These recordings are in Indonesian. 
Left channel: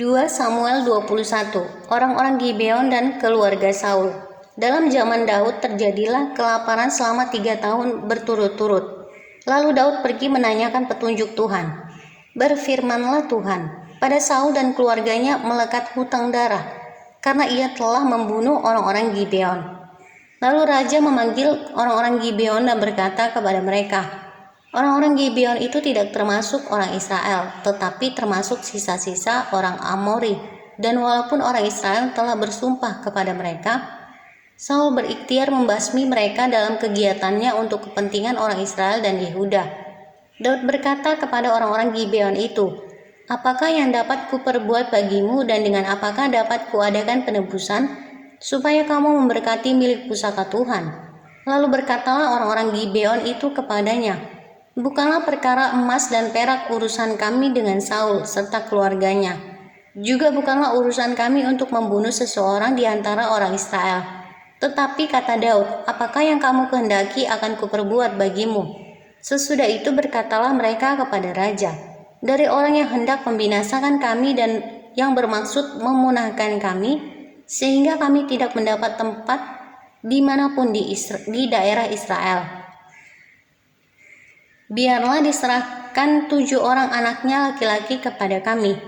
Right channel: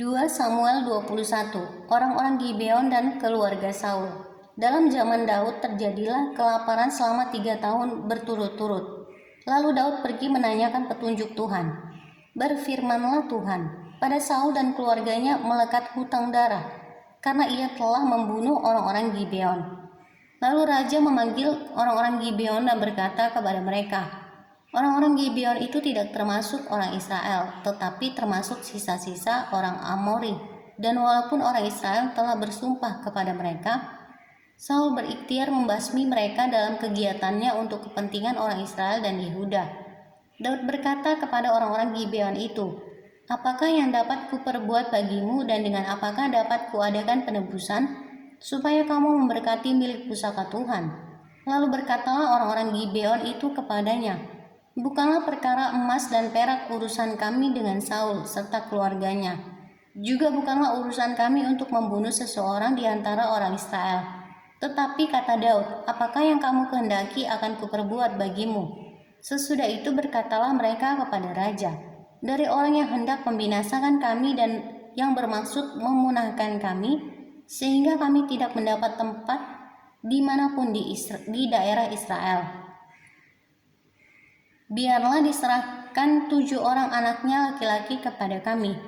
2 Samuel 21. Orang-orang Gibeon dan keluarga Saul. Dalam zaman Daud terjadilah kelaparan selama 3 tahun berturut-turut. Lalu Daud pergi menanyakan petunjuk Tuhan. Berfirmanlah Tuhan, pada Saul dan keluarganya melekat hutang darah, karena ia telah membunuh orang-orang Gibeon. Lalu raja memanggil orang-orang Gibeon dan berkata kepada mereka, orang-orang Gibeon itu tidak termasuk orang Israel, tetapi termasuk sisa-sisa orang Amori. Dan walaupun orang Israel telah bersumpah kepada mereka, Saul berikhtiar membasmi mereka dalam kegiatannya untuk kepentingan orang Israel dan Yehuda. Daud berkata kepada orang-orang Gibeon itu, apakah yang dapat kuperbuat bagimu dan dengan apakah dapat kuadakan penebusan, supaya kamu memberkati milik pusaka Tuhan? Lalu berkatalah orang-orang Gibeon itu kepadanya, bukanlah perkara emas dan perak urusan kami dengan Saul serta keluarganya. Juga bukanlah urusan kami untuk membunuh seseorang di antara orang Israel. Tetapi kata Daud, apakah yang kamu kehendaki akan kuperbuat bagimu? Sesudah itu berkatalah mereka kepada raja, dari orang yang hendak membinasakan kami dan yang bermaksud memunahkan kami, sehingga kami tidak mendapat tempat dimanapun di daerah Israel. Biarlah diserahkan 7 orang anaknya laki-laki kepada kami,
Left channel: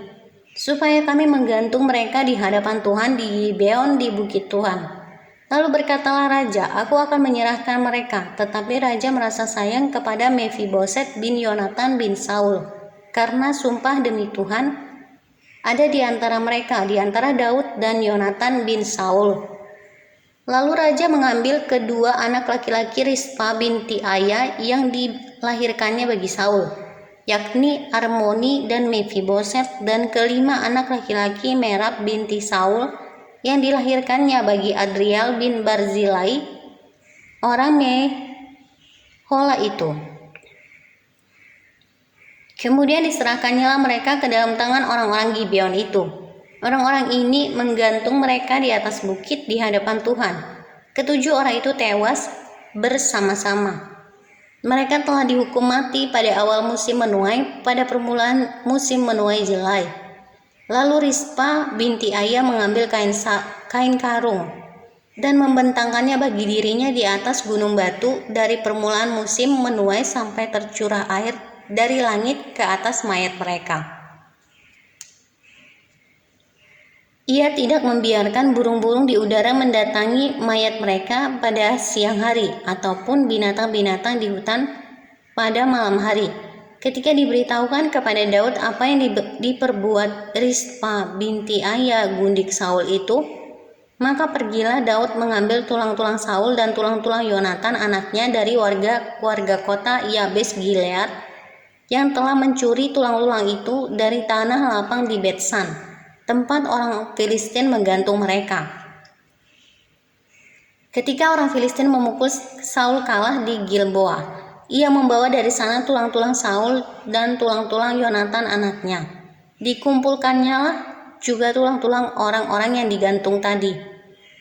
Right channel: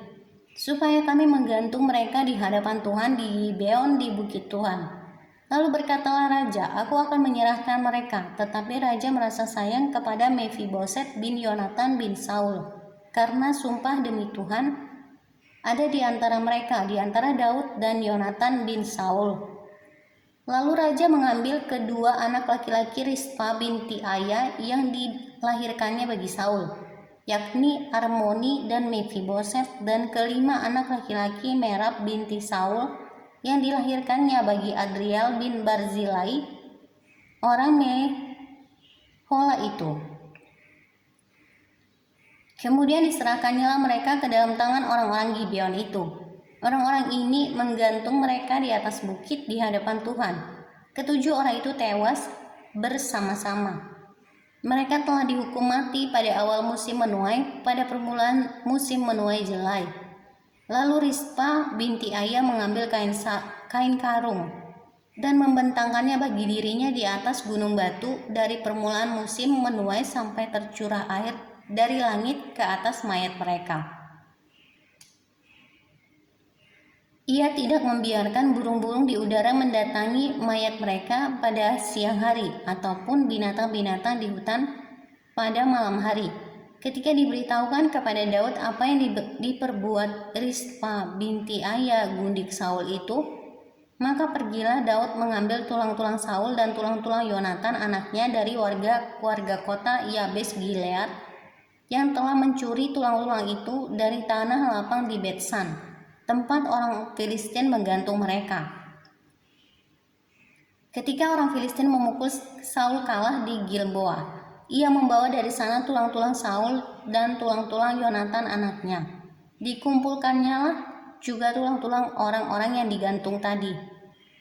supaya kami menggantung mereka di hadapan Tuhan di Gibeon di bukit Tuhan. Lalu berkatalah raja, aku akan menyerahkan mereka. Tetapi raja merasa sayang kepada Mephiboset bin Yonatan bin Saul, karena sumpah demi Tuhan ada di antara mereka, di antara Daud dan Yonatan bin Saul. Lalu raja mengambil kedua anak laki-laki Rispa binti Aya yang dilahirkannya bagi Saul, yakni Armoni dan Mephiboset, dan kelima anak laki-laki Merab binti Saul yang dilahirkannya bagi Adriel bin Barzilai, orang Mehola itu. Kemudian diserahkannya mereka ke dalam tangan orang-orang Gibeon itu. Orang-orang ini menggantung mereka di atas bukit di hadapan Tuhan. Ketujuh orang itu tewas bersama-sama. Mereka telah dihukum mati pada awal musim menuai, pada permulaan musim menuai jelai. Lalu Rispa binti Aya mengambil kain karung dan membentangkannya bagi dirinya di atas gunung batu dari permulaan musim menuai sampai tercurah air dari langit ke atas mayat mereka. Ia tidak membiarkan burung-burung di udara mendatangi mayat mereka pada siang hari ataupun binatang-binatang di hutan pada malam hari. Ketika diberitahukan kepada Daud apa yang diperbuat Rispa binti Aya gundik Saul itu, maka pergilah Daud mengambil tulang-tulang Saul dan tulang-tulang Yonatan anaknya dari warga kota Yabes Gilead yang telah mencuri tulang-tulang itu dari tanah lapang di Betsan, tempat orang Filistin menggantung mereka. Ketika orang Filistin memukul Saul kalah di Gilboa, ia membawa dari sana tulang-tulang Saul dan tulang-tulang Yonatan anaknya. Dikumpulkannya lah juga tulang-tulang orang-orang yang digantung tadi.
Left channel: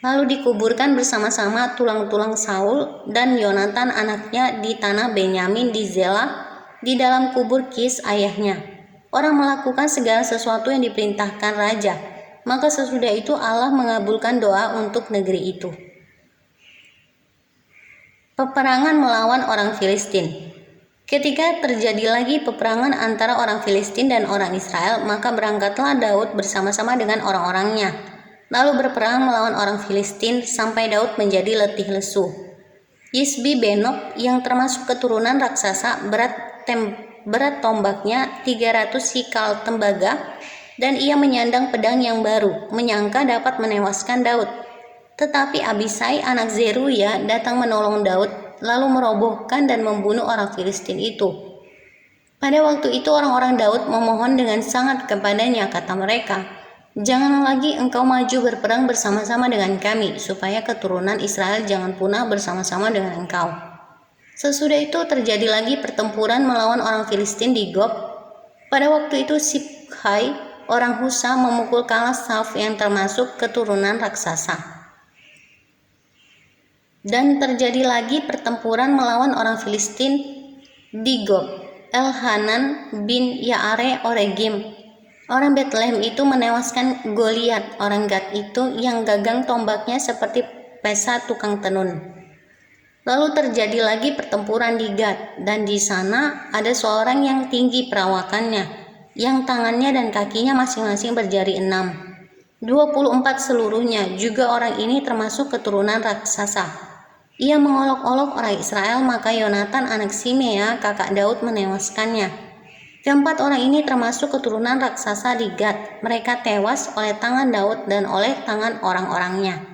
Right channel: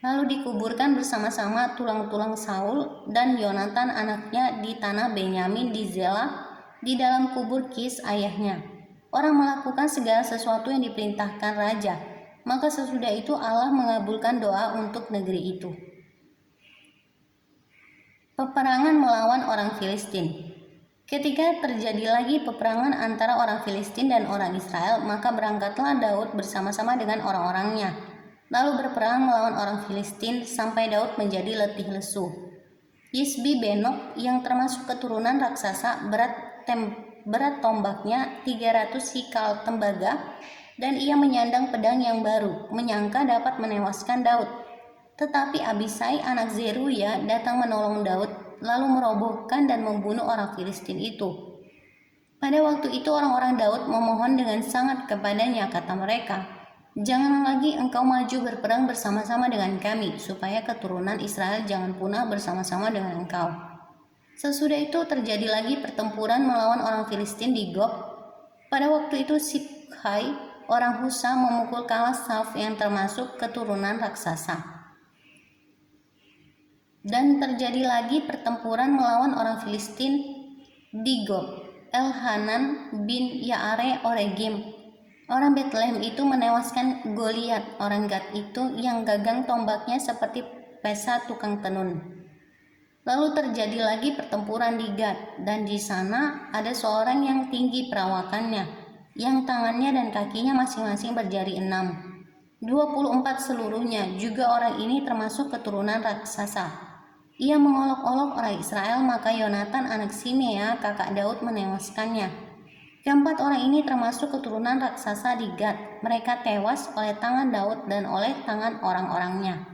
Lalu dikuburkan bersama-sama tulang-tulang Saul dan Yonatan anaknya di tanah Benyamin di Zela, di dalam kubur Kis ayahnya. Orang melakukan segala sesuatu yang diperintahkan raja. Maka sesudah itu Allah mengabulkan doa untuk negeri itu. Peperangan melawan orang Filistin. Ketika terjadi lagi peperangan antara orang Filistin dan orang Israel, maka berangkatlah Daud bersama-sama dengan orang-orangnya, lalu berperang melawan orang Filistin sampai Daud menjadi letih lesu. Isbi Benob yang termasuk keturunan raksasa berat tombaknya 300 sikal tembaga, dan ia menyandang pedang yang baru, menyangka dapat menewaskan Daud. Tetapi Abisai anak Zeruya datang menolong Daud, lalu merobohkan dan membunuh orang Filistin itu. Pada waktu itu orang-orang Daud memohon dengan sangat kepadanya, kata mereka, janganlah lagi engkau maju berperang bersama-sama dengan kami, supaya keturunan Israel jangan punah bersama-sama dengan engkau. Sesudah itu terjadi lagi pertempuran melawan orang Filistin di Gob. Pada waktu itu Siphai orang Husa memukul kalah Sauf yang termasuk keturunan raksasa. Dan terjadi lagi pertempuran melawan orang Filistin di Gob. Elhanan bin Yaare Oregim Orang Bethlehem itu menewaskan Goliat, orang Gad itu yang gagang tombaknya seperti pesa tukang tenun. Lalu terjadi lagi pertempuran di Gad, dan di sana ada seorang yang tinggi perawakannya, yang tangannya dan kakinya masing-masing berjari 6. 24 seluruhnya, juga orang ini termasuk keturunan raksasa. Ia mengolok-olok orang Israel, maka Yonatan anak Simea, kakak Daud, menewaskannya. Keempat orang ini termasuk keturunan raksasa di Gad. Mereka tewas oleh tangan Daud dan oleh tangan orang-orangnya.